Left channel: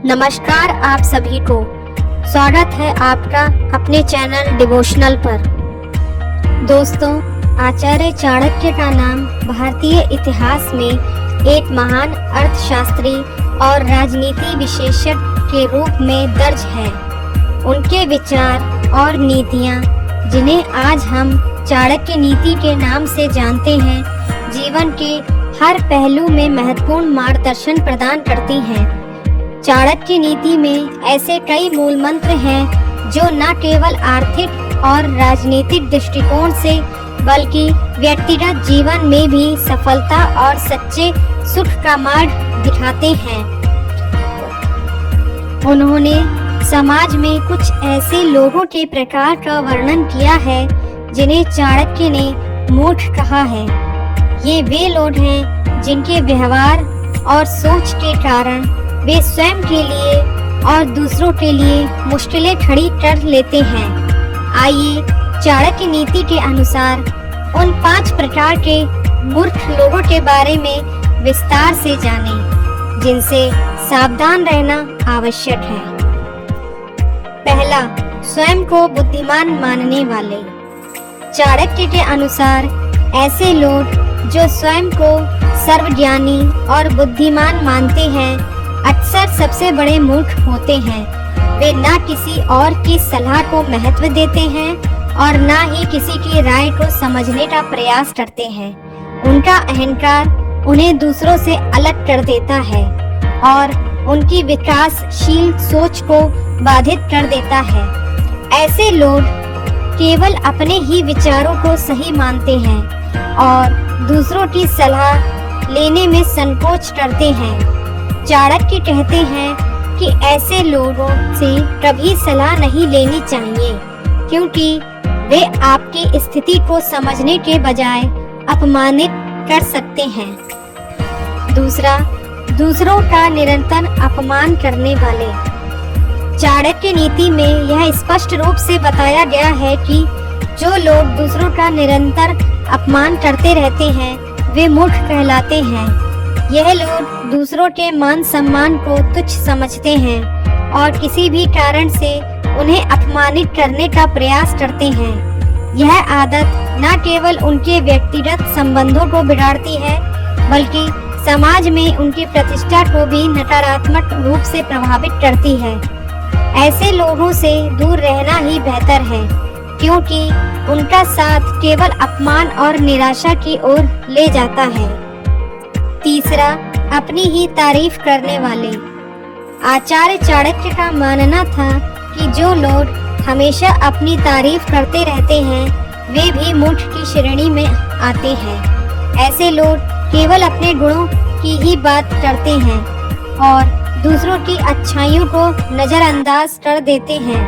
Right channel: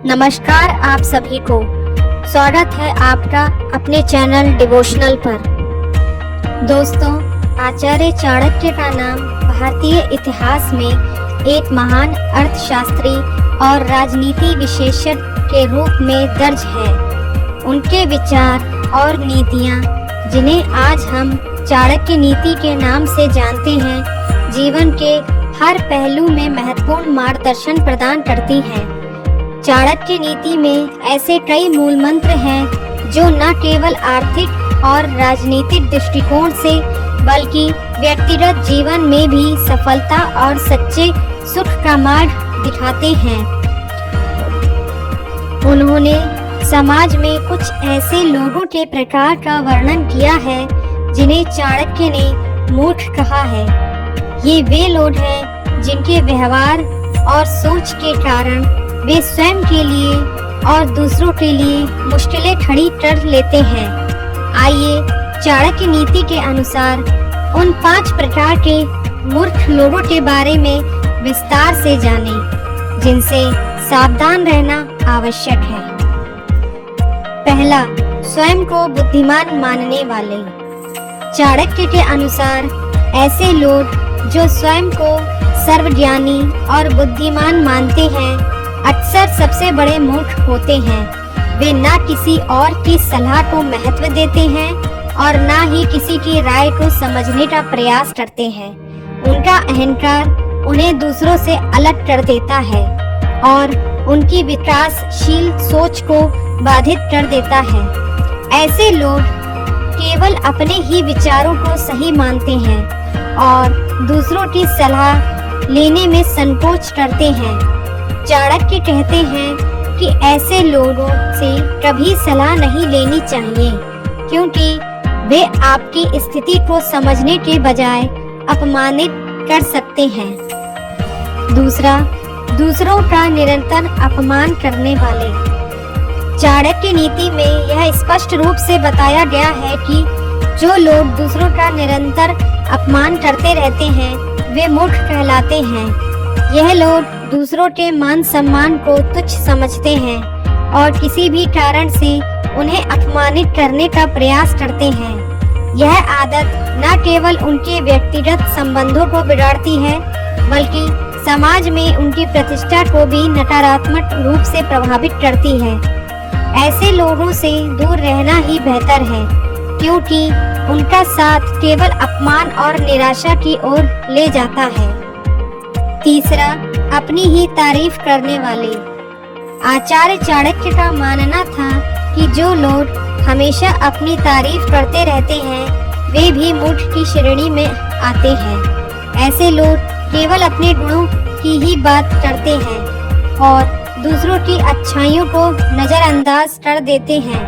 नमस्कार आप सभी को। स्वागत है आपका अपने चैनल डिवोशनल पर। दोस्तों, आचार्य चाणक्य का नाम भारतीय इतिहास में एक महान अर्थशास्त्री और राजनीति विशेषज्ञ के रूप में दर्ज है। उनके विचार और नीतियाँ, जिन्हें आज हम चाणक्य नीति के नाम से जानते हैं, जीवन के हर पहलू में महत्वपूर्ण मार्गदर्शन प्रदान करती हैं। चाणक्य नीति में ऐसे कई मूल मंत्र हैं जो न केवल आर्थिक और राजनीतिक दृष्टिकोण से बल्कि व्यक्तिगत जीवन में भी सफलता और सच्चे सुख का मार्ग दिखाते हैं। उन्होंने समाज में कुछ ऐसे लोगों के प्रकार का वर्णन किया है जिन्हें चाणक्य ने मूर्ख कहा है। ये वे लोग हैं जिनके व्यवहार और सोच के कारण वे स्वयं के लिए और दूसरों के लिए मुश्किलें खड़ी कर लेते हैं। आइए चाणक्य नीति के अनुसार उन 5 प्रकार के मूर्ख लोगों के बारे में विस्तार से जानें, जिनसे सावधान रहना आवश्यक है। पहला, स्वयं को बुद्धिमान मानने वाले। चाणक्य के अनुसार ऐसे लोग जो स्वयं को सर्वज्ञानी और बुद्धिमान मानते हैं अक्सर सबसे बड़े मूर्ख होते हैं। वे ना किसी और की सलाह को महत्व देते हैं और ना ही किसी की राय को समझने का प्रयास करते हैं। उनका अहंकार उन्हें दूसरों से अलग कर देता है और उनकी विकासशील सोच को बाधित कर देता है। ऐसे लोग केवल अपने ही विचारों को सही मानते हैं और दूसरों की सलाह लेने में संकोच करते हैं। चाणक्य कहते हैं कि ऐसे लोगों से कभी सलाह नहीं लेनी चाहिए, क्योंकि वे आपकी स्थिति को समझने के बजाय अपमानित कर सकते हैं। दूसरा, दूसरों का निरंतर अपमान करने वाले। चाणक्य नीति में यह स्पष्ट रूप से बताया गया है कि जो लोग दूसरों का निरंतर अपमान करते रहते हैं वे मूर्ख कहलाते हैं। यह लोग दूसरों के मान सम्मान को तुच्छ समझते हैं और किसी भी कारण से उन्हें अपमानित करने का प्रयास करते हैं। यह आदत न केवल उनके व्यक्तिगत संबंधों को बिगाड़ती है बल्कि समाज में उनकी प्रतिष्ठा को भी नकारात्मक रूप से प्रभावित करती है। ऐसे लोगों से दूर रहना ही बेहतर है, क्योंकि उनका साथ केवल अपमान और निराशा की ओर ले जाता है। तीसरा, अपनी ही तारीफ करने वाले। आचार्य चाणक्य का मानना था कि जो लोग हमेशा अपनी तारीफ करते रहते हैं वे भी मूर्ख की श्रेणी में आते हैं। ऐसे लोग केवल अपने गुणों की ही बात करते हैं और दूसरों की अच्छाइयों को नजरअंदाज कर देते हैं।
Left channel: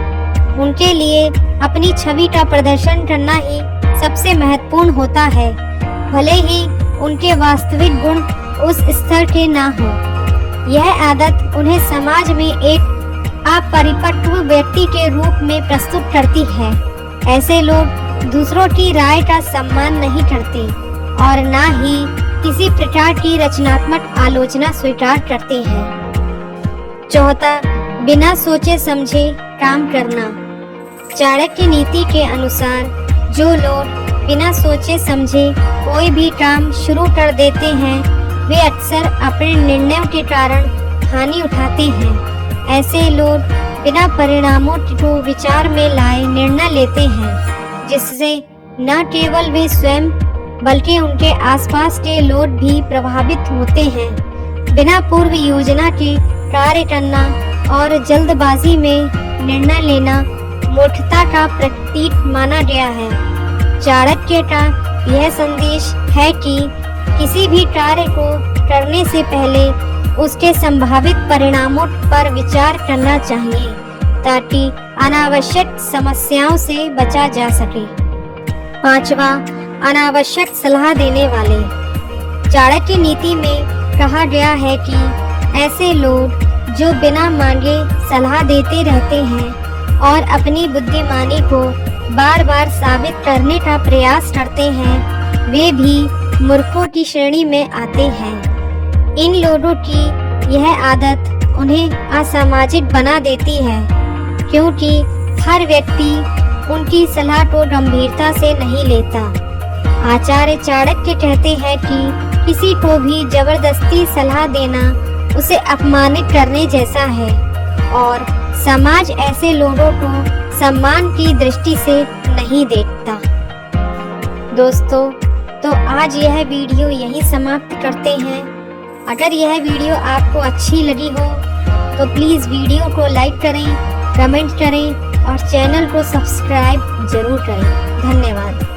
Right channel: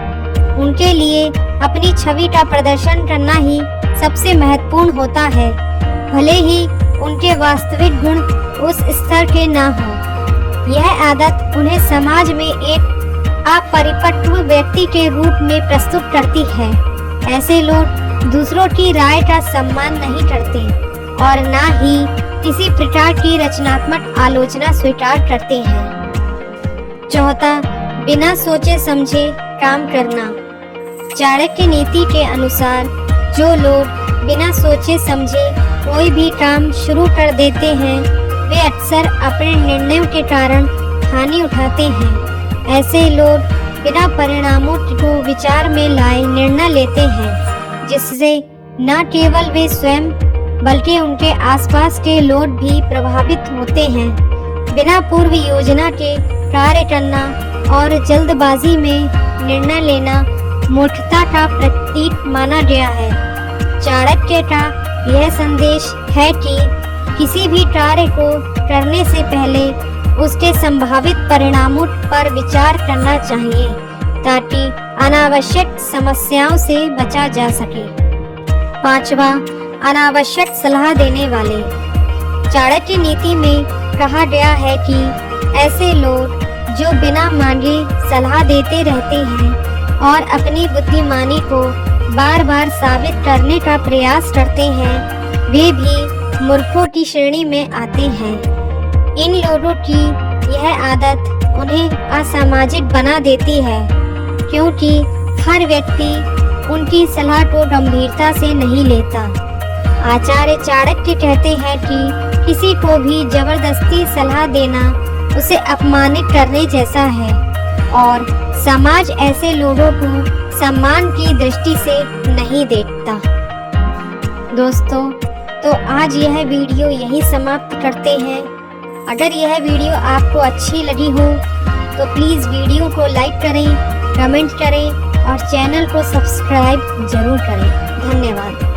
उनके लिए अपनी छवि का प्रदर्शन करना ही सबसे महत्वपूर्ण होता है, भले ही उनके वास्तविक गुण उस स्तर के ना हो। यह आदत उन्हें समाज में एक अपरिपक्व व्यक्ति के रूप में प्रस्तुत करती है। ऐसे लोग दूसरों की राय का सम्मान नहीं करते और ना ही किसी प्रकार की रचनात्मक आलोचना स्वीकार करते हैं। चौथा, बिना सोचे समझे काम करना। चाणक्य नीति के अनुसार जो लोग बिना सोचे समझे कोई भी काम शुरू कर देते हैं वे अक्सर अपने निर्णयों के कारण हानि उठाते हैं। ऐसे लोग बिना परिणामों को विचार में लाए निर्णय लेते हैं, जिससे न केवल वे स्वयं बल्कि उनके आसपास के लोग भी प्रभावित होते हैं। बिना पूर्व योजना के कार्य करना और जल्दबाजी में निर्णय लेना मूर्खता का प्रतीक माना गया है। चाणक्य का यह संदेश है कि किसी भी कार्य को करने से पहले उसके संभावित परिणामों पर विचार करना चाहिए ताकि अनावश्यक समस्याओं से बचा जा सके। पांचवा, अनावश्यक सलाह देने वाले। चाणक्य नीति में कहा गया है कि ऐसे लोग जो बिना मांगे सलाह देते रहते हैं और अपनी बुद्धिमानी को बार बार साबित करने का प्रयास करते हैं वे भी मूर्खों की श्रेणी में आते हैं। इन लोगों की यह आदत उन्हें असामाजिक बना देती है, क्योंकि हर व्यक्ति उनकी सलाह को गंभीरता से नहीं लेता। आचार्य चाणक्य कहते हैं कि किसी को भी जबरदस्ती सलाह देना उसे अपमानित करने जैसा है और समाज ऐसे लोगों को सम्मान की दृष्टि से नहीं देखता। दोस्तों, तो आज यह वीडियो यहीं समाप्त करते हैं। अगर यह वीडियो आपको अच्छी लगी हो तो प्लीज़ वीडियो को लाइक करें, कमेंट करें और चैनल को सब्सक्राइब जरूर करें। धन्यवाद।